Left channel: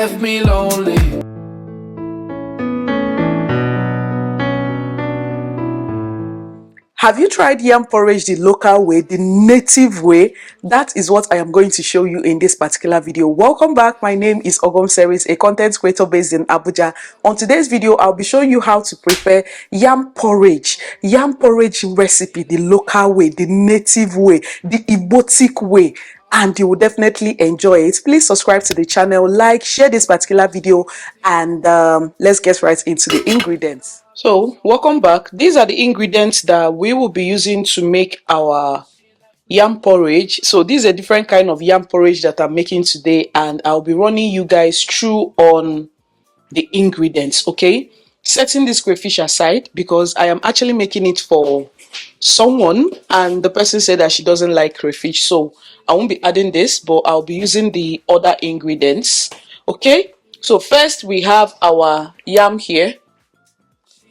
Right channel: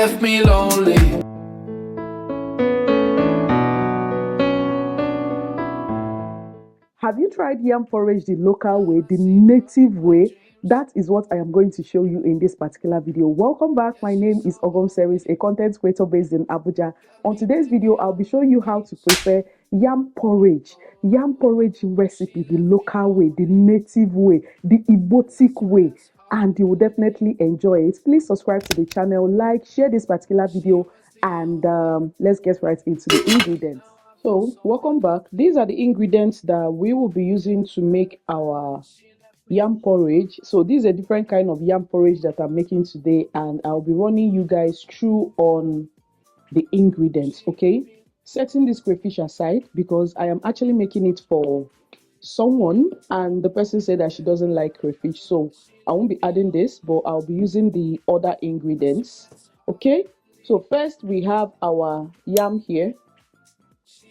left me lonely. Have you tried yam porridge the local way, the native way? That is what I am going to show you in this particular video. Welcome back. My name is OGOM'S, a content creator based in Abuja. On today's video, I'll be showing you how to prepare yam porridge recipe the local way, the native way, the Igbotic way. And you will definitely enjoy it. Please subscribe to the channel, like, share this particular video, and let's get right into the ingredients. So welcome back. These are the ingredients that we will be using to make our yam porridge. So this is a different kind of yam porridge that I'm making today, and I'll be running you guys through on the ingredients. Okay, setting this crayfish aside because I am actually making it for someone, and the person said that she doesn't like crayfish, so I won't be adding this, but I'll be using the other ingredients. Okay, so first we have our yam here.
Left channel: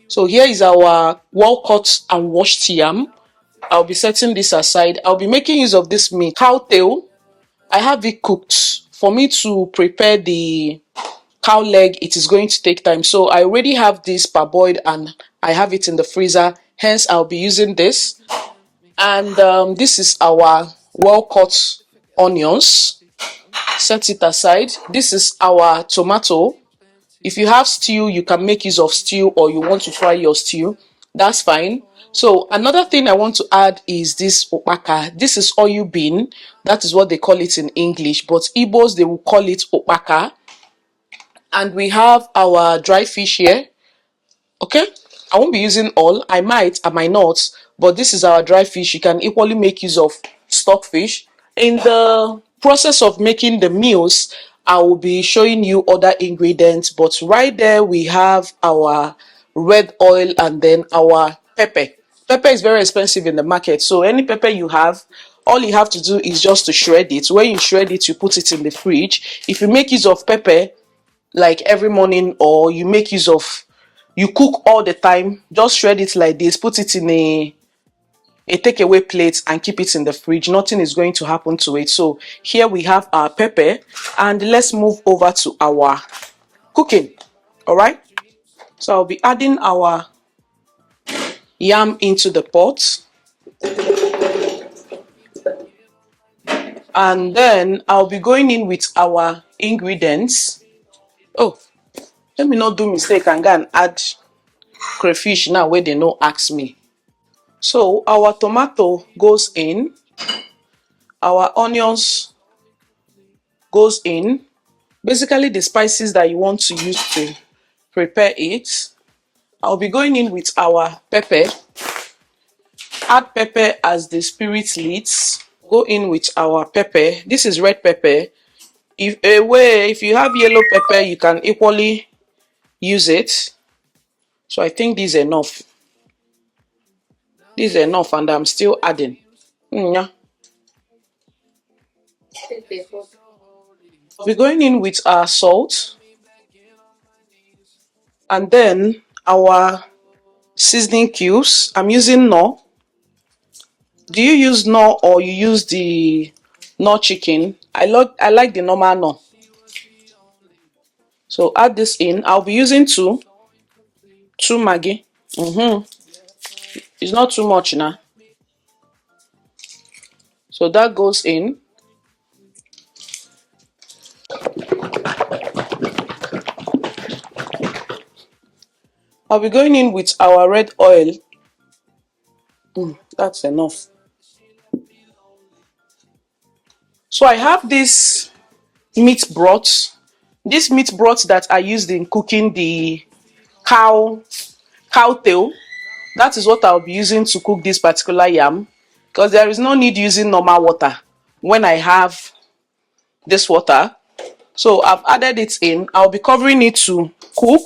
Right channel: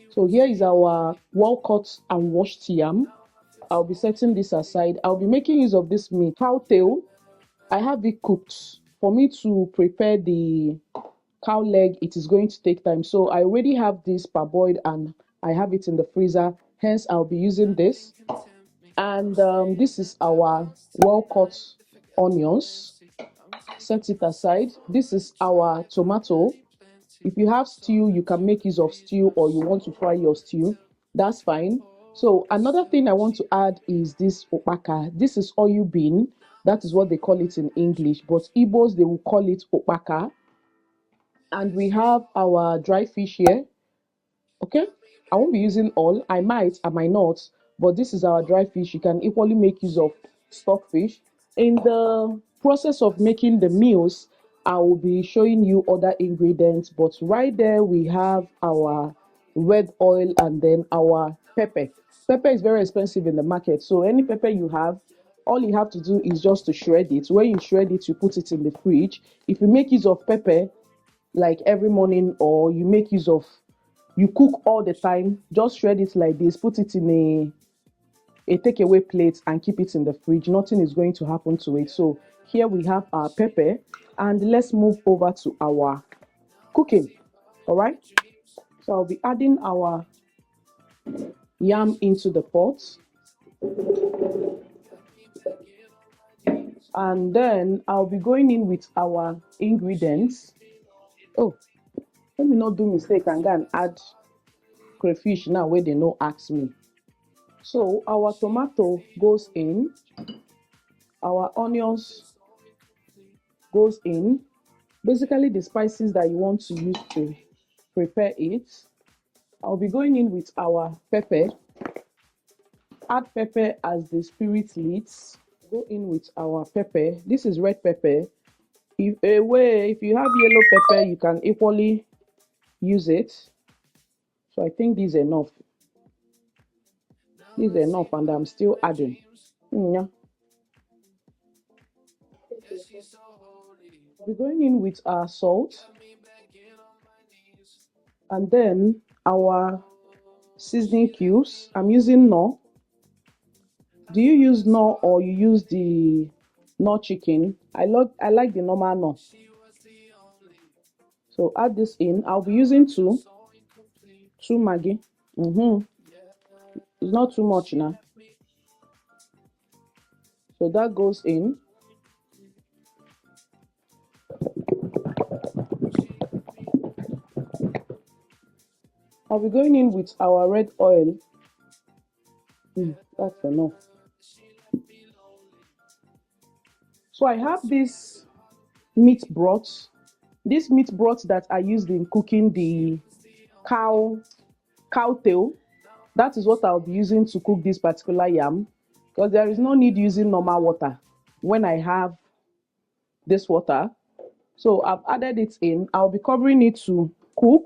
So here is our well cut and washed yam. I'll be setting this aside. I'll be making use of this meat, cow tail. I have it cooked. For me to prepare the cow leg, it is going to take time. So I already have this parboiled and I have it in the freezer. Hence, I'll be using this. And this is our well cut onions. Set it aside. This is our tomato. If you have stew, you can make use of stew, or you want to fry your stew, that's fine. So another thing I want to add is this ukpaka. This is oil bean. That is what they call it in English, but Igbos, they will call it ukpaka. And we have our dry fish here. Okay, I won't be using all. I might not, but this is our dry fish. You can equally make use of stockfish. In the process of making the meals, I will be showing you other ingredients, but right there we have our red oil and then our pepper. Pepper is very expensive in the market, so any pepper you have, all you have to do is just to shred it. When you shred it, you put it in the fridge. If you make use of pepper like every morning, or you make use of, you cook all the time, just shred it like this, put it in a takeaway plate and keep it in the fridge. Nothing is going to happen to it. So here we have our pepper, and let's move over to our cooking. All right, so I'll be adding our yam into the pot, and then I'll be going in with our ingredients. Oh, let me not do mistake and go and add crayfish now where they no ask me. So our tomato goes in, our onions goes in, basically the spices that you want to use to prepare it. I'll be going in with our pepper. Add pepper as the spirit leads. Go in with our pepper. This is red pepper. If you have yellow pepper, you can equally use it. So I think this is enough. This is enough, and I'm still adding. Yeah. We're going in with our salt, and then our seasoning cubes. I'm using Knorr. Do you use Knorr or you use the Knorr chicken? I like the normal Knorr. So add this in. I'll be using two Maggi. It's not too much now. So that goes in. I'll be going in with our red oil. That's enough. So I have this meat broth. This meat broth that I used in cooking the cow tail. That is what I'll be using to cook this particular yam, because there is no need using normal water when I have this water. So I've added it in. I'll be covering it to cook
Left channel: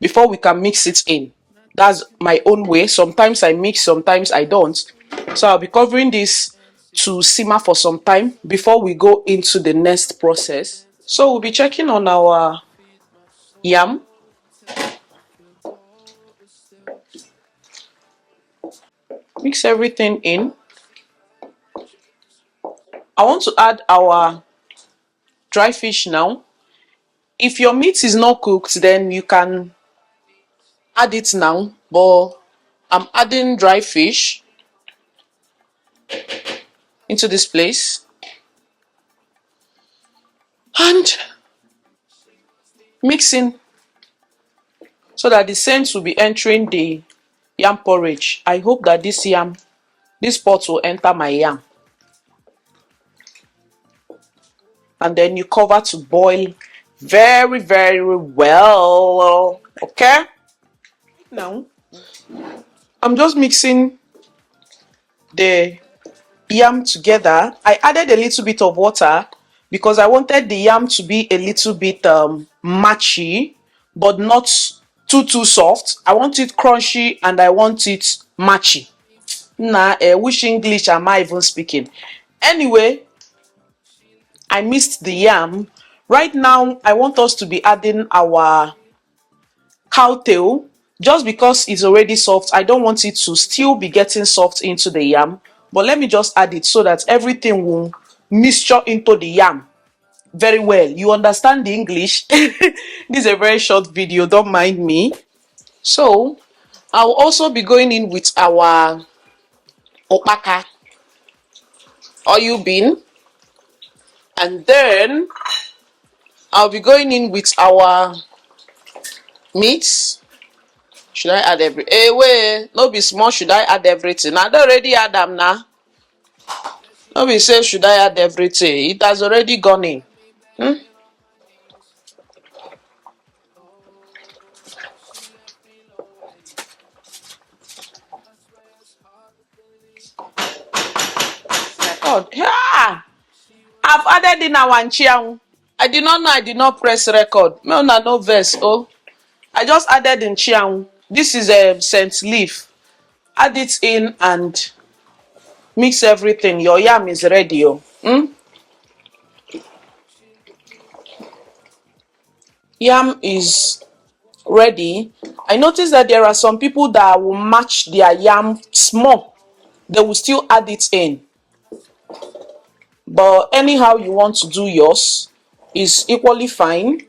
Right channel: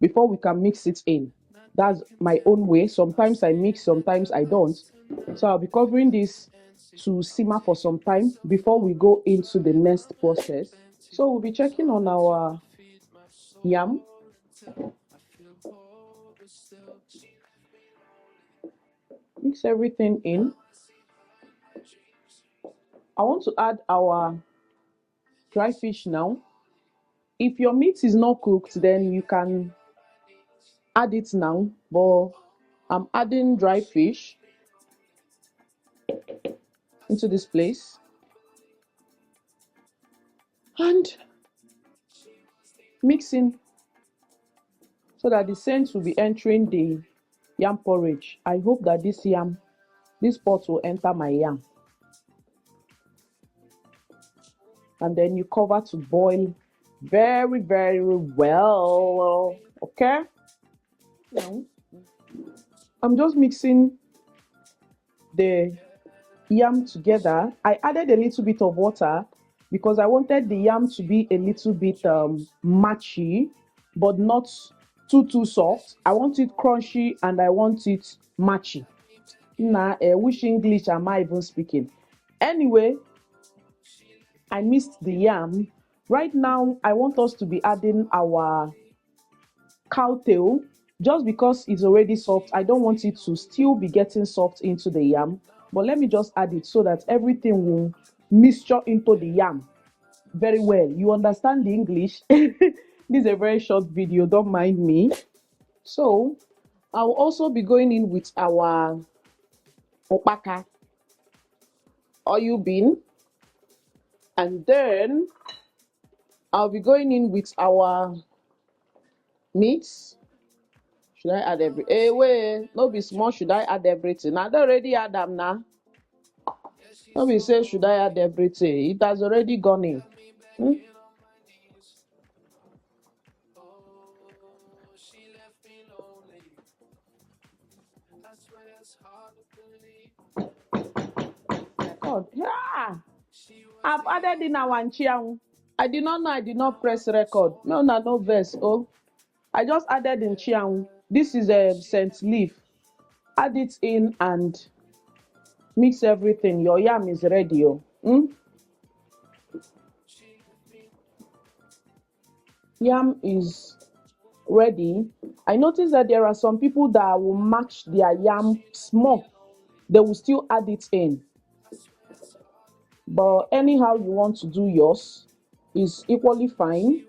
before we can mix it in. That's my own way. Sometimes I mix, sometimes I don't. So I'll be covering this to simmer for some time before we go into the next process. So we'll be checking on our yam. Mix everything in. I want to add our dry fish now. If your meat is not cooked, then you can add it now, but I'm adding dry fish into this place and mixing so that the scent will be entering the yam porridge. I hope that this pot will enter my yam. And then you cover to boil very, very well. Okay? Now, I'm just mixing the yam together. I added a little bit of water because I wanted the yam to be a little bit matchy, but not too soft. I want it crunchy and I want it matchy. Nah, which English am I even speaking? Anyway, I mixed the yam. Right now, I want us to be adding our cow tail. Just because it's already soft, I don't want it to still be getting soft into the yam. But let me just add it so that everything will mixture into the yam very well. You understand the English? This is a very short video, don't mind me. So I'll also be going in with our ukpaka oil bean, and then I'll be going in with our meat. Should I add every? Hey, wait, no be small. Should I add everything? I don't already add them now. No be say should I add everything? It has already gone in. God, yeah. I've added in our chiang. I did not know I did not press record. No verse. Oh, I just added in chiang. This is a scent leaf. Add it in and mix everything. Your yam is ready. Oh. Yam is ready. I noticed that there are some people that will match their yam small. They will still add it in. But anyhow you want to do yours is equally fine.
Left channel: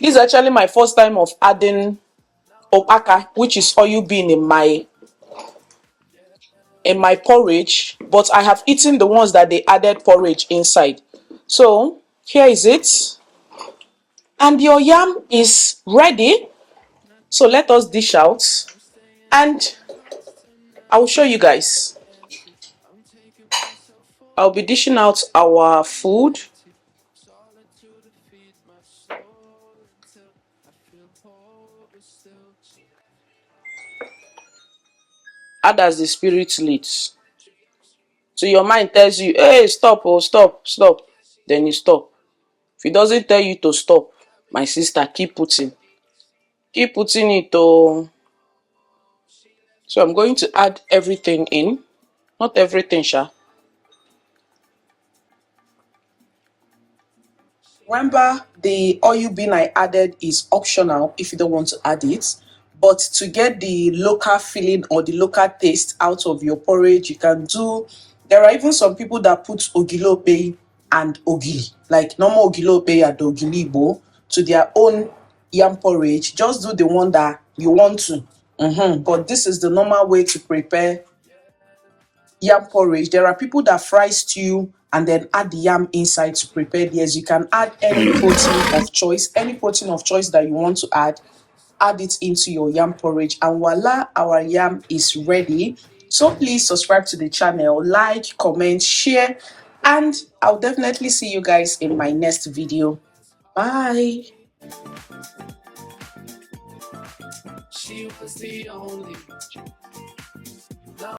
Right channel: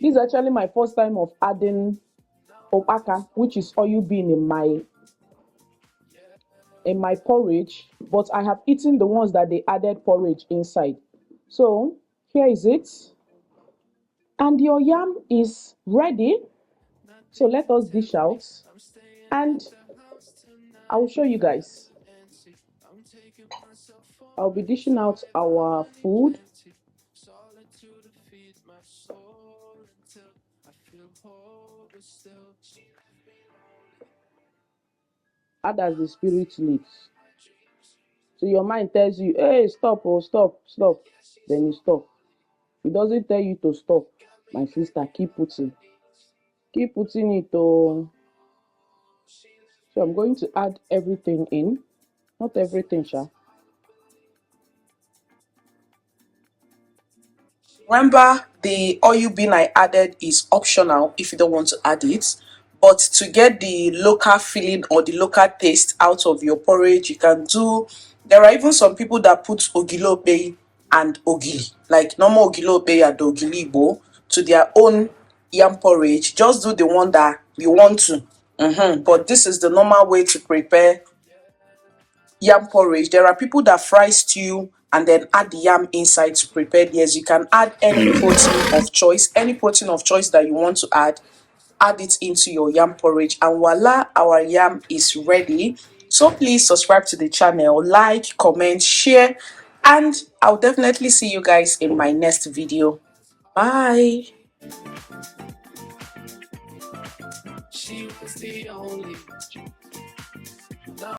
This is actually my first time of adding ukpaka, which is oil bean in my porridge, but I have eaten the ones that they added porridge inside. So here is it. And your yam is ready. So let us dish out and I will show you guys. I'll be dishing out our food. Add as the spirit leads. So your mind tells you, hey, stop, oh, stop. Then you stop. If it doesn't tell you to stop, my sister, keep putting. Keep putting it, oh. So I'm going to add everything in. Not everything, sha. Remember, the oil bean I added is optional if you don't want to add it. But to get the local feeling or the local taste out of your porridge, you can do. There are even some people that put ogilope and ogili, like normal ogilope and ogilibo, to their own yam porridge. Just do the one that you want to. But this is the normal way to prepare yam porridge. There are people that fry stew and then add the yam inside to prepare theirs. You can add any protein of choice, that you want to add it into your yam porridge, and voila, our yam is ready. So please subscribe to the channel, like, comment, share, and I'll definitely see you guys in my next video. Bye. She was the only